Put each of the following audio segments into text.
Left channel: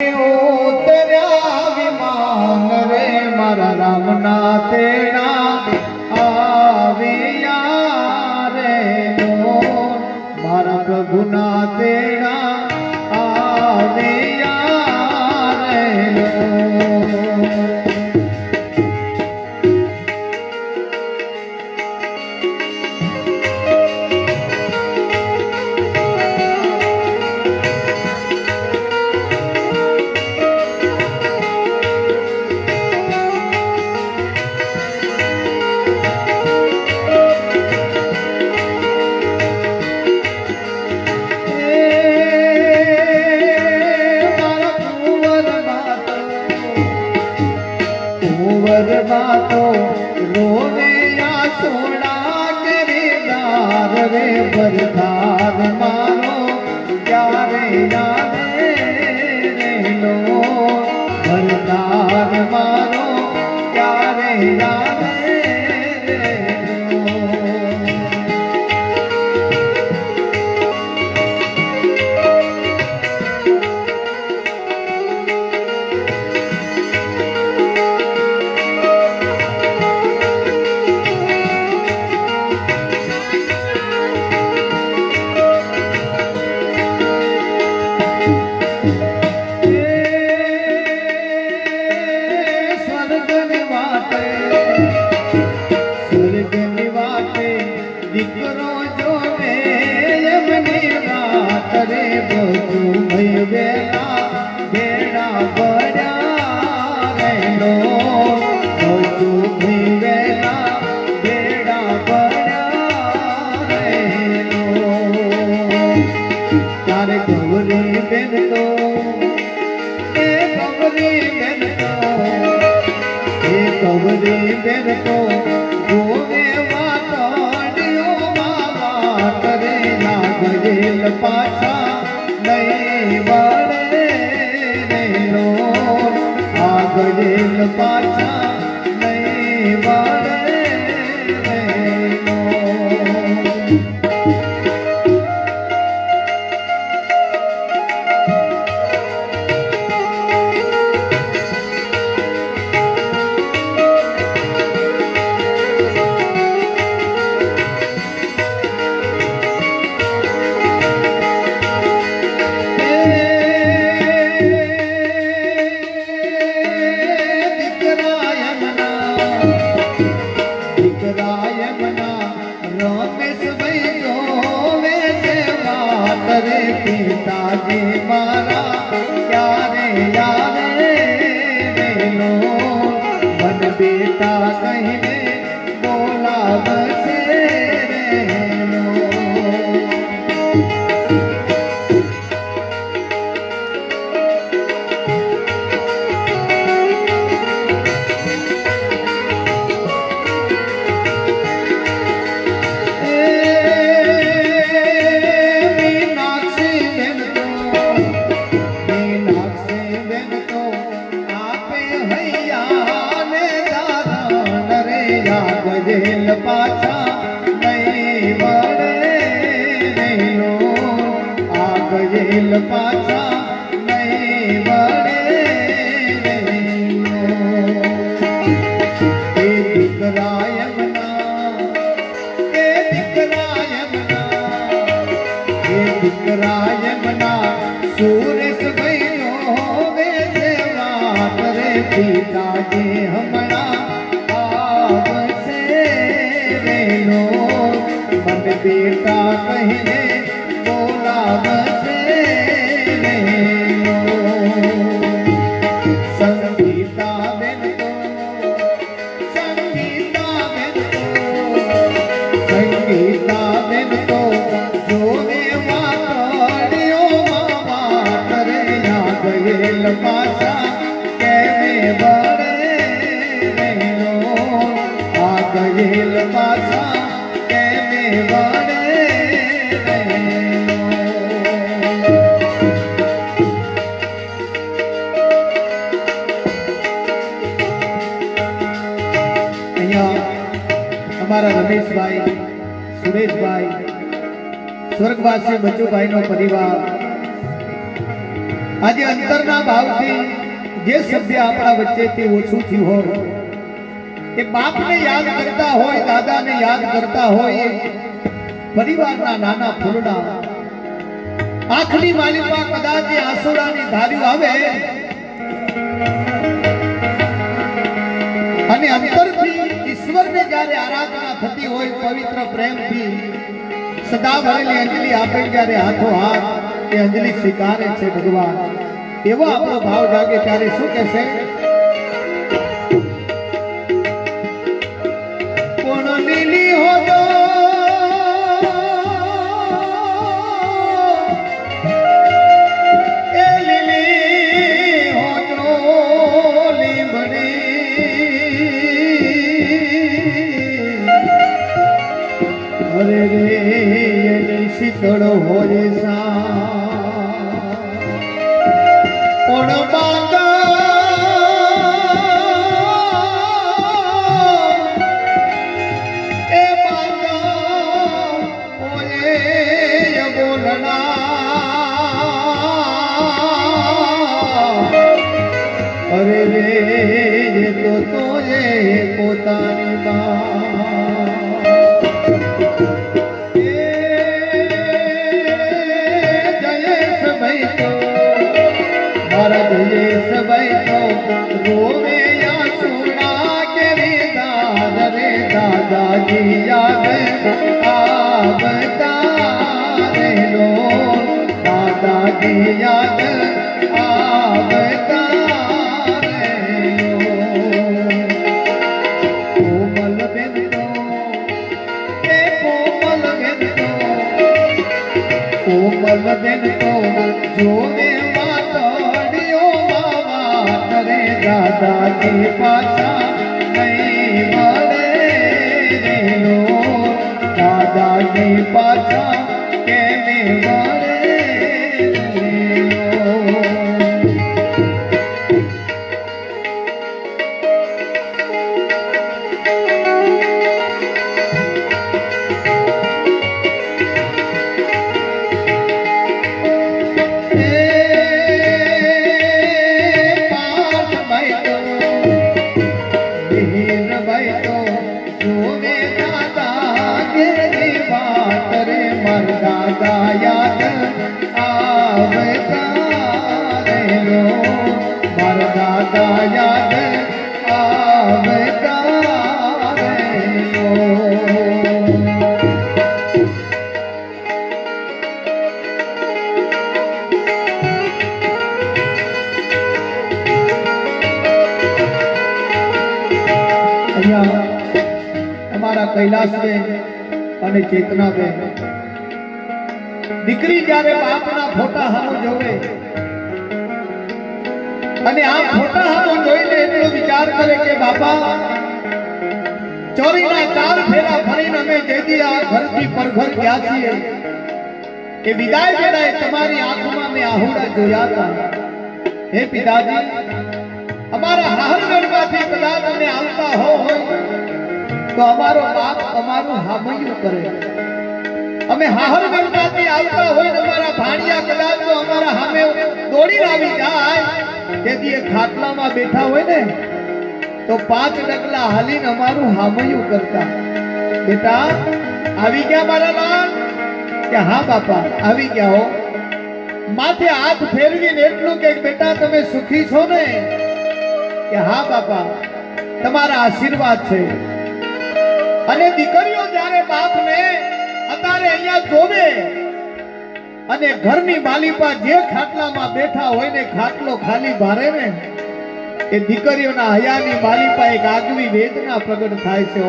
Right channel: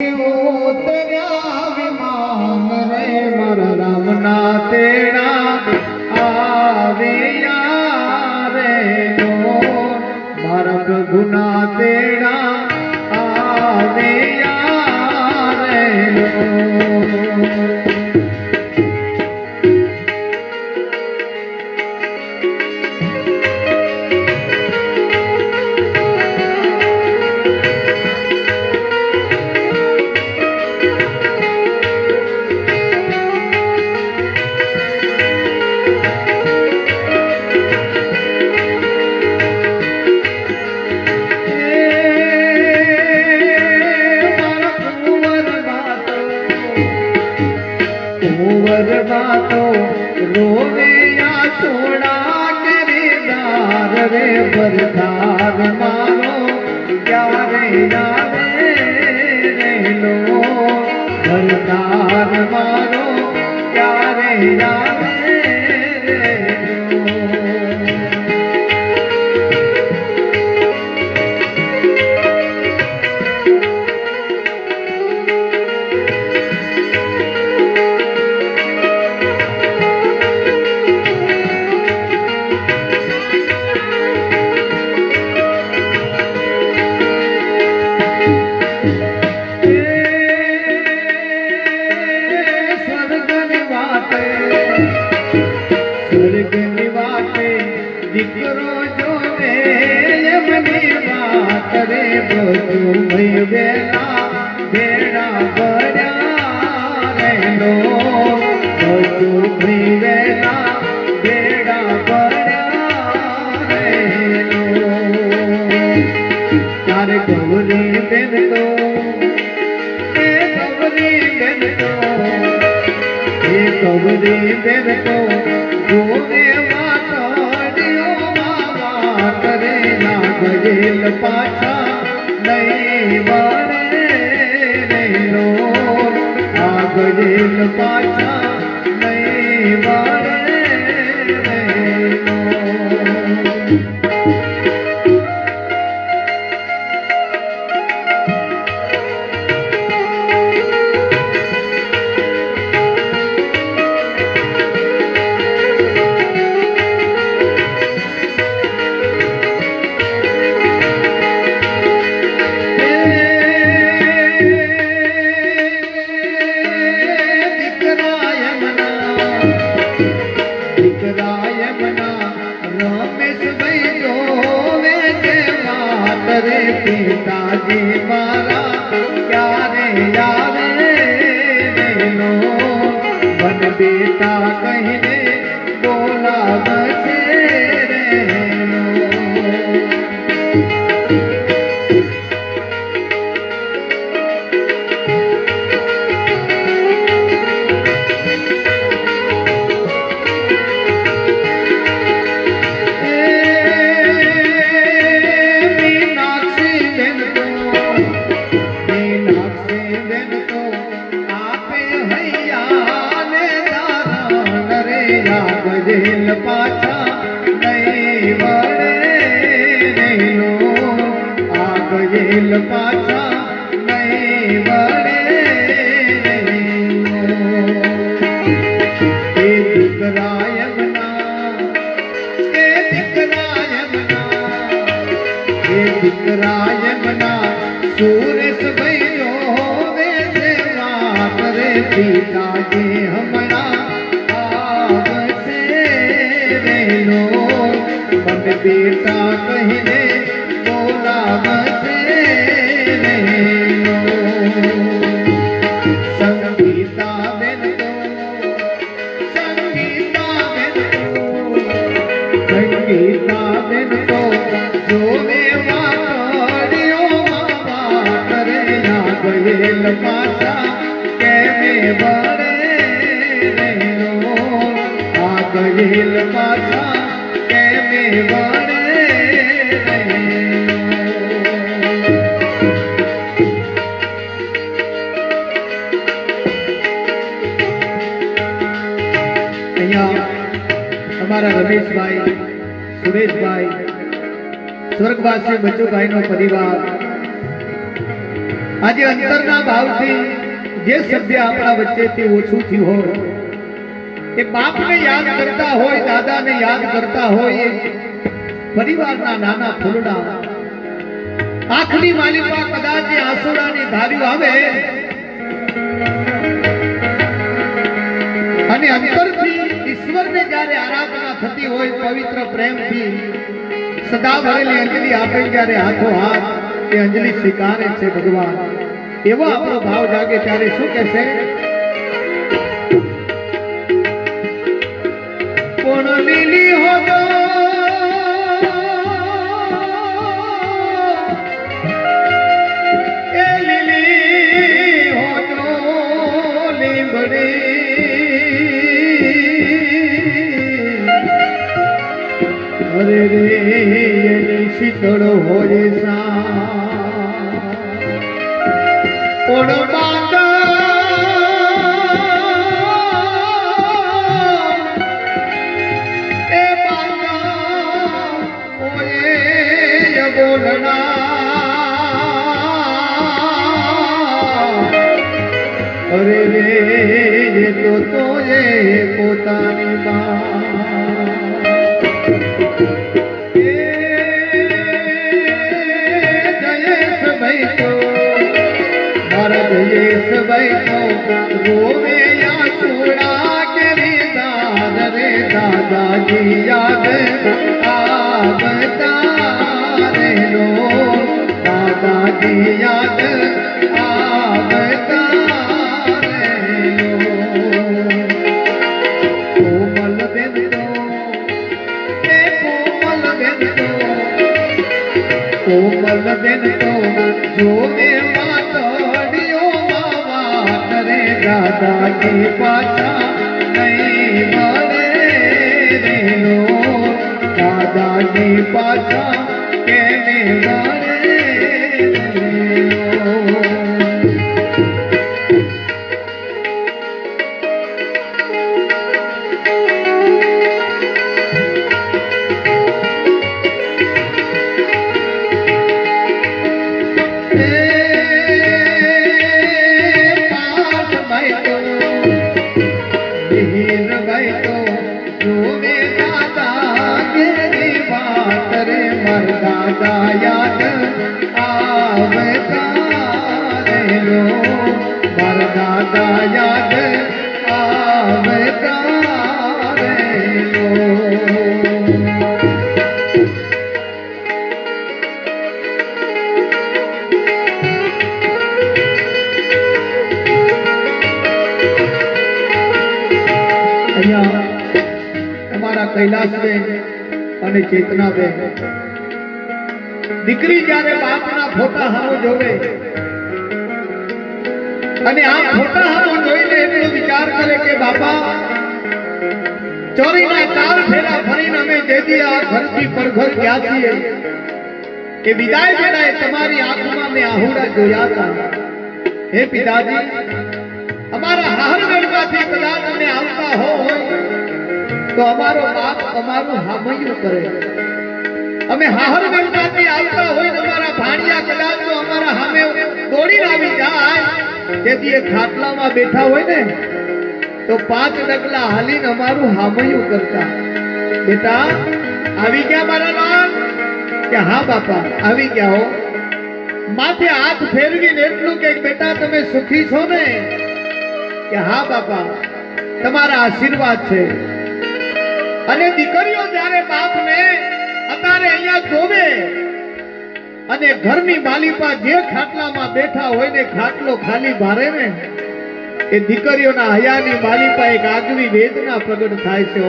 ઉતર્યા વિમાન રે મારા રામના તેડા આવ્યા રે મારા પ્રભુના તેડા આવ્યા રે बातो रोवे या सोड़ा करे दार रे बरदार मारो प्यारे यारे रे लो बरदार मारो प्यारे यारे रे लो દીકરો જોવે એમની વાત રે બધું ભઈ ગયેલા બેડા પડ્યા રે લો બધું ભઈ ગયેલા બેડા પડ્યા રે લો તારે ગૌરી બેન તો એ ગૌરી બેન તો એ ગૌરી બેન તો જોવે ગયેલ પાછા નહીં વળે નહીં લો આ ગયેલ પાછા નહીં વળે નહીં લો रे પિતાજી મારા ક્યારે આવે રે લો મન બેટા કહીને બોલાવશે રે લો ગયેલ પાછા નહીં વળે નહીં લો આ ગયેલ પાછા નહીં વળે નહીં લો એ દીકરા એમના એ દીકરા એમના એ દીકરા એમના સુરેશ ભાઈઓ હવે સેવા કરે પિતાજી હમણાં मन बेटा कहीने बोलावसे संगीता बेन तो संगीता बेन तो संगीता बेन तो जोवे वाडियो मावा करे या गયેલ પાછા કેમે વળે રહેલો આ ગયેલ પાછા हमारा रमेशभाई सुरेशभाई स्वर्गवासी बच्चूभाई नो परिवार આજે અંતરના ભાવથી જે સભ્ય આપણા વચ્ચેથી ઓછું થયું હોય એ બાપને યાદ કરતા હોય, દાદાને યાદ કરતા હોય, પરિવારના નાના ફૂલડા આંખની માલિકા કદાચ આંસુડાની ધાર્યું આવે અને અંતરથી ઈશ્વરને જ્યારે આરાધના થતી હોય પવિત્ર પ્રેમથી સદા ભરેલી અંજલિ આપે જ્યારે હાથો હાથ એ અંજલિ સ્વીકારે છે ભગવાન, એવો આપણો ભાવ જાગે ત્યારે શું કહેશે? કોણ લીલી હોગો એ લીલી હોજો લીંબડી અરે રે એની શીતળ હોય સા કોણ બાંધા એ બાંધા ઓએ બોલના અરે રે એ તો તોએ પોતાની માં जयेश भाई तो रोवे आंसुड़ा के रे दादाजी याद आवता रे लो दादाजी याद आवता रे लो कोमल बेन तो ए कोमल बेन तो कोमल बेन तो जो में दादाजी पाछा नहीं મળે રે લો દાદાજી પાછા કેને મળે રે લો दादा याद आवता रे लो मार दादा याद आवता रे लो અહીંયા અમારા કૈલાસબેન અને ચેતનાબેન દીકરી જ્યારે બાપના ફોટા સામો જોવે અને આ ફોટા સામો જોઈને એટલો વિચાર કરે કે બાપા ચોરીના 4 ફેરા ફરીને અમે જેદી આ ઘરથી પરઘર ગયા છીએ એ વિદાય વેળાએ તમારી આંખમાં મેં આહુડા જોયા હતા. હે પિતાજી, અમારા હાહરવેણમાંથી કદાચ અમે આવતા હોય તો અમારો બાપ અમારું હામૈયું કરે. અમે હાહરવેણમાંથી આવતા હોય તો અમારા ભાણિયા કદાચ તો અમારા સામે દોડીને આવી જાય. તેથી એ ખાટલામાં બેઠા હોય ને તો 5 ડગલા હાલીને અમારું હામૈયું કરતા. બેટા આવી ગયા મારા લાલ? કે હા બાપા આવી ગયા હો. માથે હાથ ફેરવીને એટલું કે બેટા તમે સુખી છો ને? કે હા બાપા તમારા આશીર્વાદ છે. અને દીકરીઓ જ્યારે બાપને અત્યારે અહીંયા જોવે અને ઘરની માલિપા જે ખાટલામાં બેઠા હોય ને ખાટલો ખાલી ભારે ને એ દીકરીઓના હયાની માલિપા એક આગવી વેદના પ્રગટ થાય છે.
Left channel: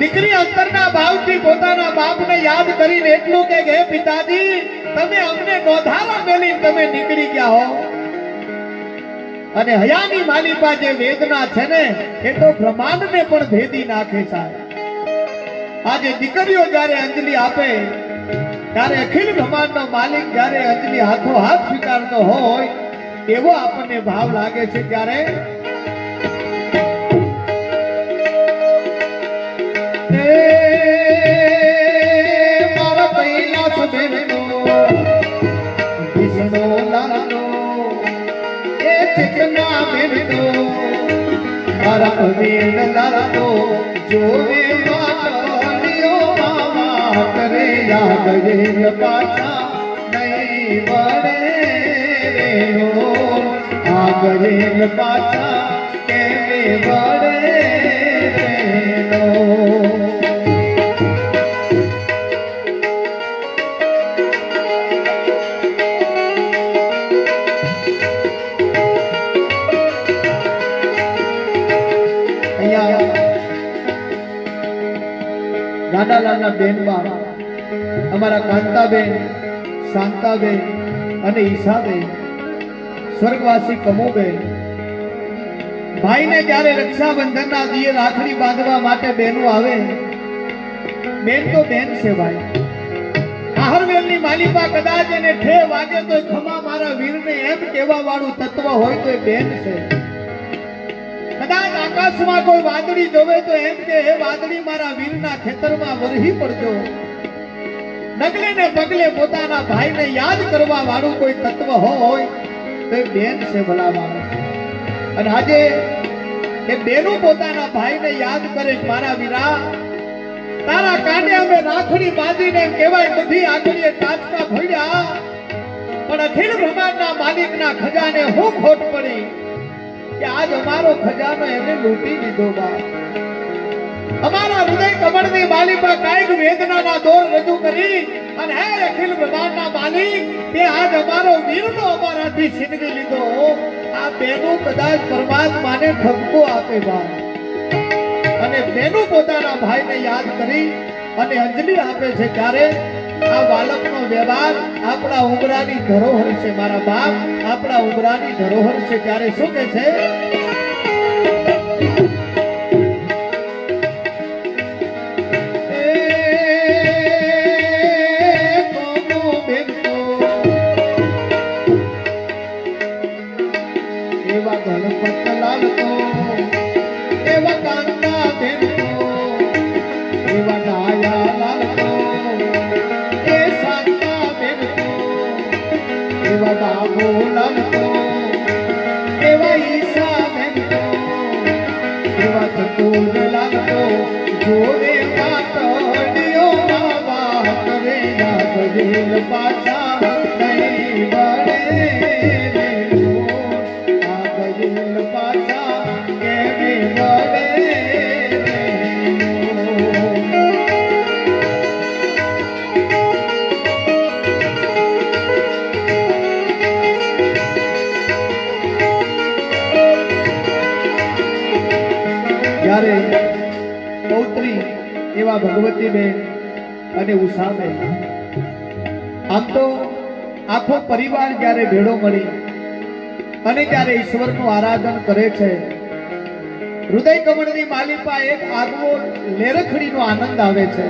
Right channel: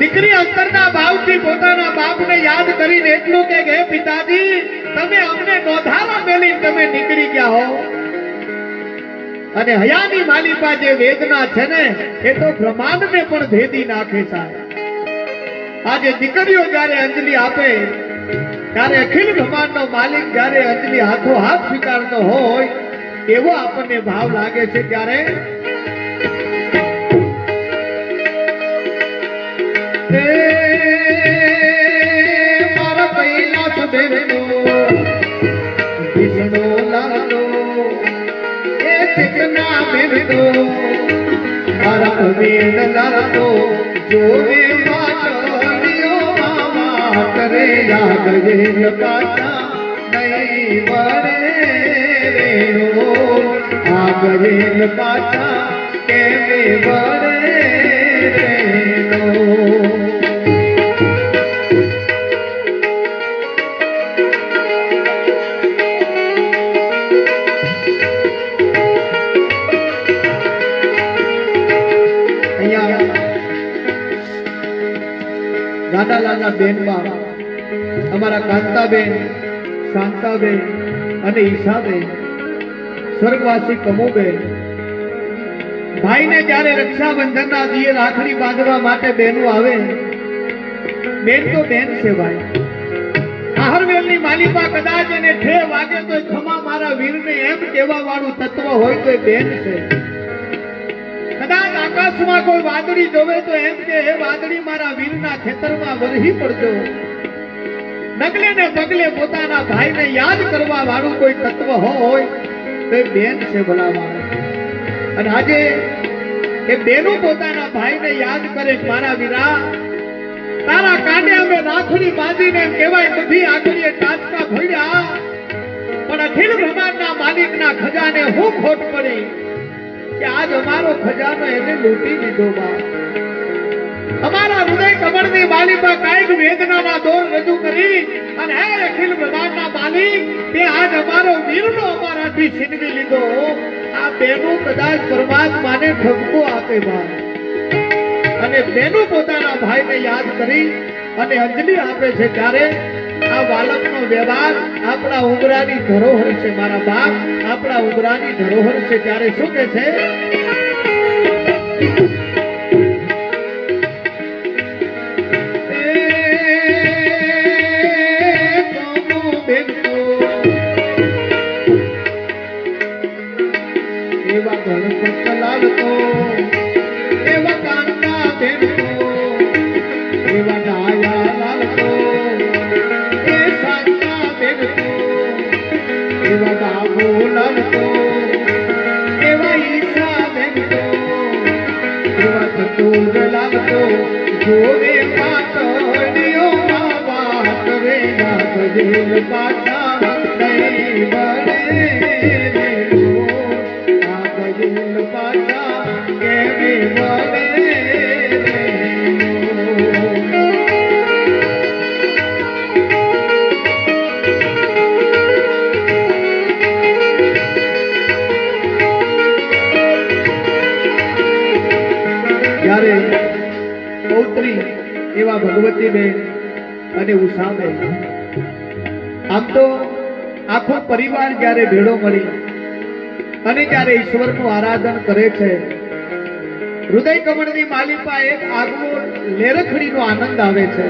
દીકરી અંતરના ભાવથી પોતાના બાપને યાદ કરીને એટલું કે હે પિતાજી, તમે અમને નોધારા મેલી તમે નીકળી ગયા હો. અને હયાની માલિપા જે વેદના છે ને એ તો બ્રહ્માંડને પણ ભેદી નાખે સાહેબ. આજે દીકરીઓ જ્યારે અંજલિ આપે ત્યારે અખિલ બ્રહ્માંડનો માલિક જ્યારે અંજલિ હાથો હાથ સ્વીકારતો હોય એવો આપણને ભાવ લાગે છે. ત્યારે મારા કૈલાસ બેનો વિષ્ણુ લાલ ચેતના બેન તો મારા બેન લાતો જોવે વાતલીઓ મામા કરે યાદ રે પાછા નહીં વળે રેનો આગળ પાછા કેમે વળે રેનો ગાડાલાલના બેનમાં અમારા કાંતાબેન, શાંતાબેન અને ઈશાબેન, સ્વર્ગવાસી કમુબેન, ભાઈને જ્યારે રક્ષાબંધનના દીએ રાખડી બાંધવા માટે બહેનો આવે, બેન તો બેન છે ભાઈ. આહરવેલની માલિપા કદાચ એને ઠે વાગે તો ખમા મારા વીરને એમ કહેવા વાળું તત્વ હોય તો એ બેન છે. કદાચ આકાશમાં કોઈ વાદળી જોવે તો એમ કે હે વાદળી મારા વીરના ખેતરમાં વરહી પડજો. ડગલે ને પગલે પોતાના ભાઈને યાદ કરવા વાળું કોઈ તત્વ હોય તો એ બેન છે ભલા માણસ. અને આજે એ બેનો પોતાના ભાઈને યાદ કરે મારા વીરા તારા કાંડે અમે રાખડી બાંધીને એમ કહેવાય બધી આખરીએ ટાચકા ભોળ્યા પણ અખિલ બ્રહ્માંડના માલિકના ખજાને હું ખોટ પડી કે આજ અમારો ખજાનો એને લૂંટી લીધો. બા અમારા હૃદય કમળની માલિકા કાયક વેદનાના દોર રજૂ કરી અને હે અખિલ બ્રહ્માંડના માલિક તે આજ અમારો વીરનો અમારાથી છીનવી લીધો. આ બેનો કદાચ પરમાત્માને ઠપકો આપે બા અને બેનો પોતાના ભાઈને યાદ કરી અને અંજલિ આપે છે ત્યારે આ બાળકનો વ્યવહાર આપણા ઉમરાની ધરોહર છે. મારા બાપ આપણા ઉમરાની ધરોહર છે. ત્યારે શું કહે છે? એવા ગણપત લાલ તો એવા કાંતા બેન તો એવા ડાયા લાલ તો એ શાંતા બેન તો એવા બાબુ લાલ તો એવા ઈશા બેન તો એવા ચતુર લાલ તો જોવે કાતડીઓ બાબા કરે યાદ જેલ પાછા નહીં વળે જ્યારે પૌત્રી એવા ભગવતીબેન અને ઉષાબેન આમ તો આખો પરિવાર જ્યારે ભેળો મળી અને જ્યારે ઈશ્વરનું આરાધન કરે છે હૃદય કમળની માલિકા એક આગવો લેરખડીનો આનંદ આવે છે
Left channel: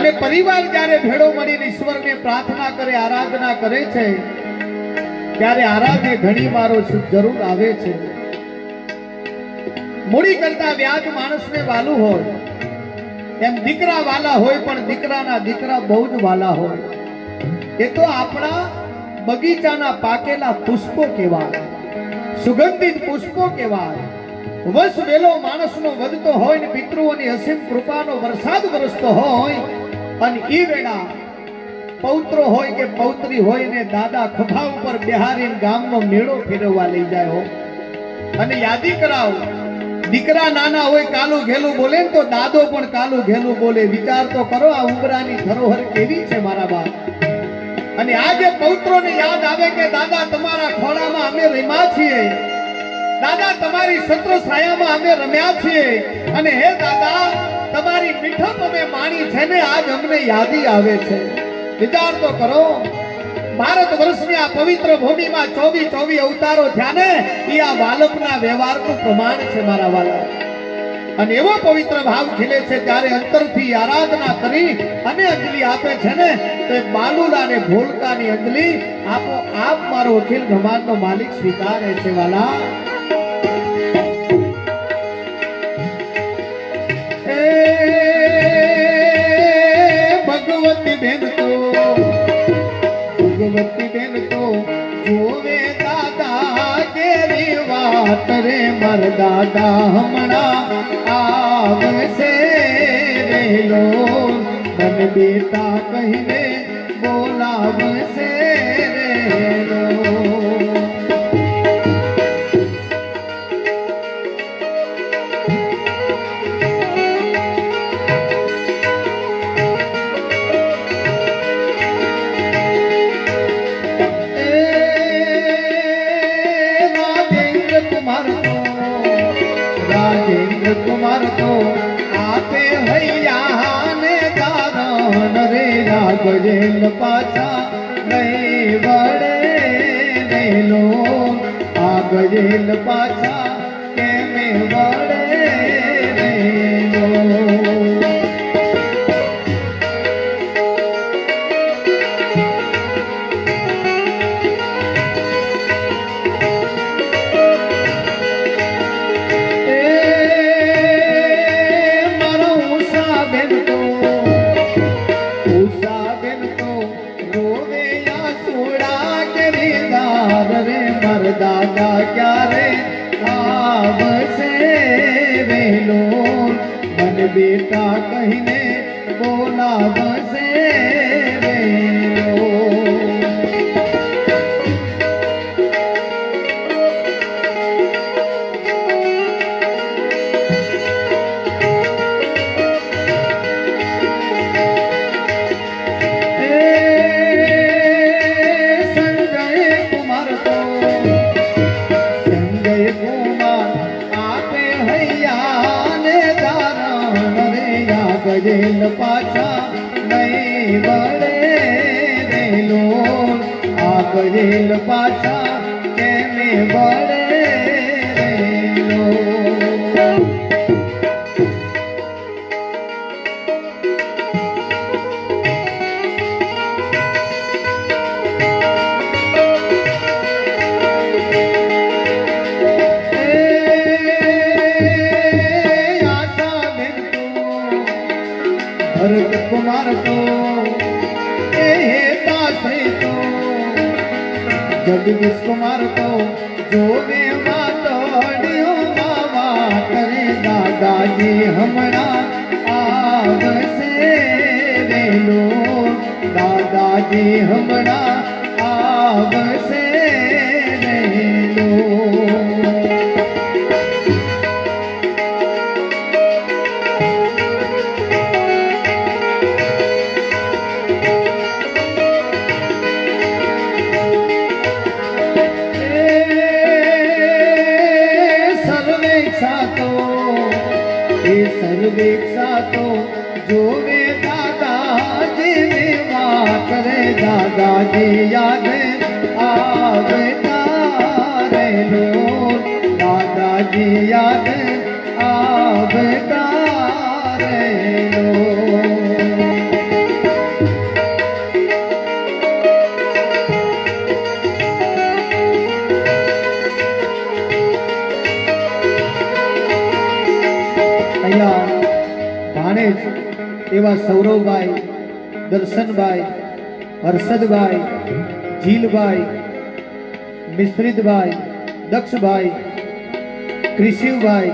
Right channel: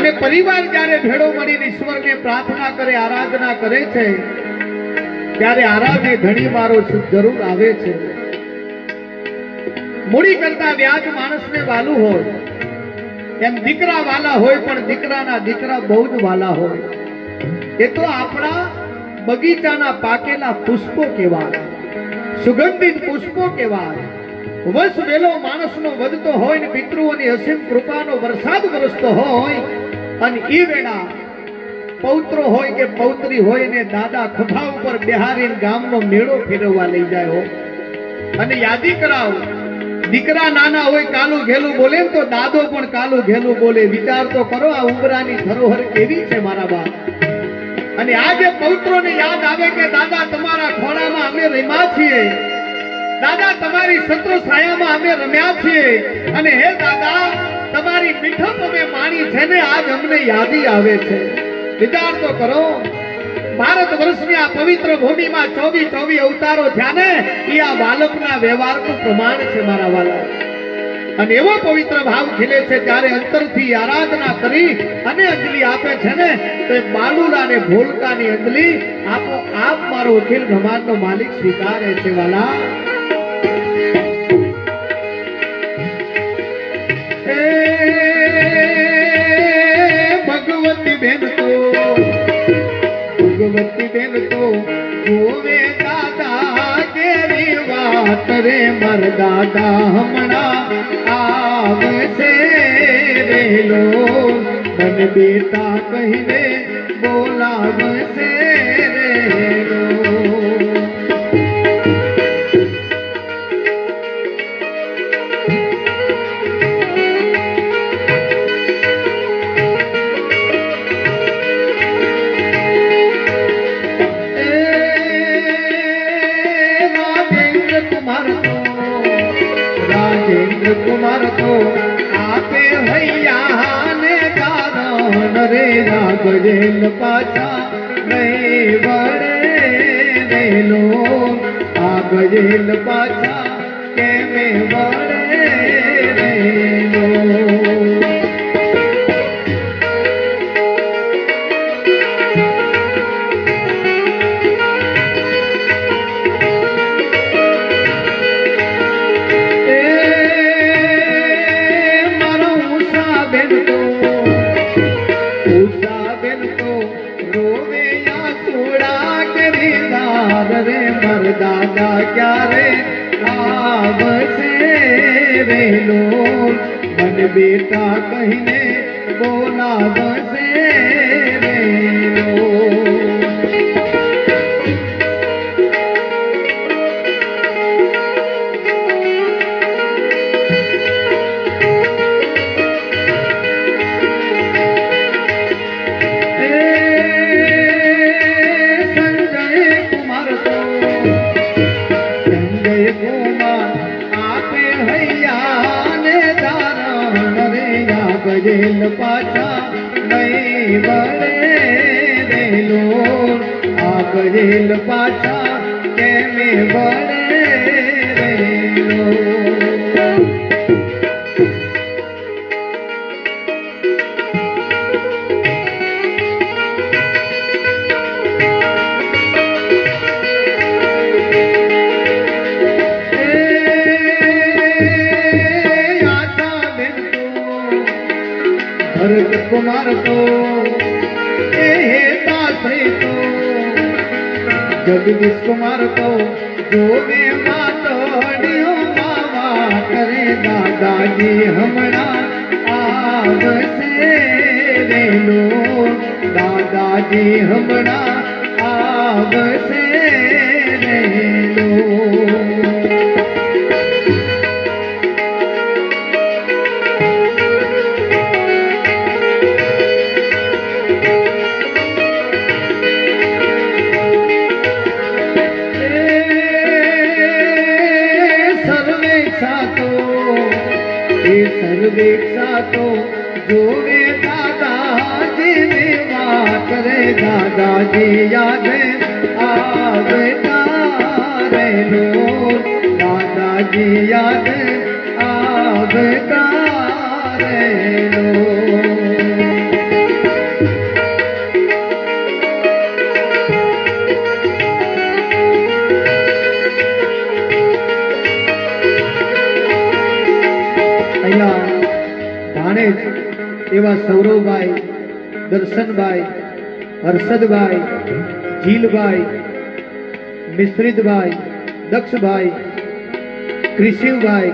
અને પરિવાર જ્યારે ભેળો મળીને ઈશ્વરને પ્રાર્થના કરે આરાધના કરે છે ત્યારે આરાધે ઘણી મારો જરૂર આવે છે. મૂડી કરતા વ્યાજ માણસને વાલું હોય એમ દીકરા વાલા હોય પણ દીકરાના દીકરા બહુ જ વાલા હોય. એ તો આપણા બગીચાના પાકેલા પુષ્પો કહેવાય, સુગંધિત પુષ્પો કહેવાય. વસ વેલો માણસનો વધતો હોય ને પિતૃઓની અસીમ કૃપાનો વરસાદ વરસતો હોય અને એ વેળા પૌત્રો હોય કે પૌત્રી હોય ને દાદા ખભા ઉપર બિહારીને ગામનો મેળો ફેરવવા લઈ જાય હો અને યાદી કરાવો. દીકરા નાના હોય કાલું ઘેલું બોલે તો દાદો પણ કાલું ઘેલું બોલે. વિચાર તો કરો આ ઉમરાની ધરોહર કેવી છે મારા બાપ. અને આજે પૌત્રોને યાદ આવે કે દાદા તમારા ખોળામાં અમે રમ્યા છીએ, દાદા તમારી છત્ર છાયામાં અમે રમ્યા છીએ અને હે દાદા તમારી મીઠપ અમે માણી છે ને આજ અમને યાદી આવે છે. વિચાર તો કરો ભારત વર્ષની આ પવિત્ર ભૂમિમાં 24 અવતારો થયા ને એ આ બાલકના વ્યવહારનું પ્રમાણ છે મારા વાલા. અને એવો પવિત્ર ભાવ ખીલે છે ત્યારે અંતરથી આરાધના કરી અને અંજલિ આપે છે ને તો એ બાલુલા ને ભોલકાની અંજલિ આપો આપ મારો અખિલ બ્રહ્માંડનો માલિક સ્વીકારે છે વાલા. ભગવતી બેન તો જોવે દાદા વાત રે માર દાદા હમણાં આવશે વેલો મને બેટા કહીને બોલાવશે વેલો રાજેન્દ્ર કુમાર તો આપે હૈયા ને કારણ રે આગજેલ પાછા નહીં વળે વેલો આગજેલ પાછા કેમે વળે વેલો દાદા ક્યારે આવશે વેલો મને બેટા કહીને બોલાવશે વેલો ગજેલ પાછા નહીં વળે વેલો આ ગજેલ પાછા કેમે વળે વેલો ભરત કુમાર તો દાસરી તો જગદીશ કુમાર તો જોવે માતડીઓ બાવા કરે દાદાજી હમણાં આવશે વેલો દાદાજી હમણાં આવશે વેલો સર્વેક્ષા તો જોવે દાદાજી વાત રે દાદાજી યાદ આવતા રહેલો દાદાજી યાદ આવતા રહેલો ભાણેજ એવા સૌરવભાઈ, દર્શનભાઈ, હર્ષદભાઈ, જીલભાઈ, મિશ્રિતભાઈ, દક્ષભાઈ, ક્રિશિવભાઈ,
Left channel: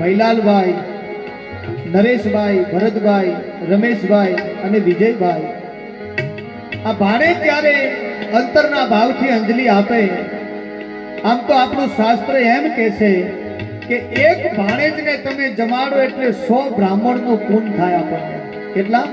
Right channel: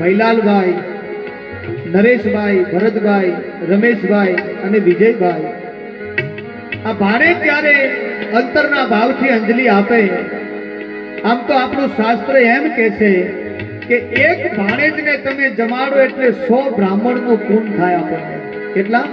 ભૈલાલભાઈ, નરેશભાઈ, ભરતભાઈ, રમેશભાઈ અને વિજયભાઈ આ ભાણેજ ત્યારે અંતરના ભાવથી અંજલિ આપે. આમ તો આપણું શાસ્ત્ર એમ કહે છે કે એક ભાણેજને તમે જમાડો એટલે 100 બ્રાહ્મણનું પૂન થાય આપણને. કેટલા?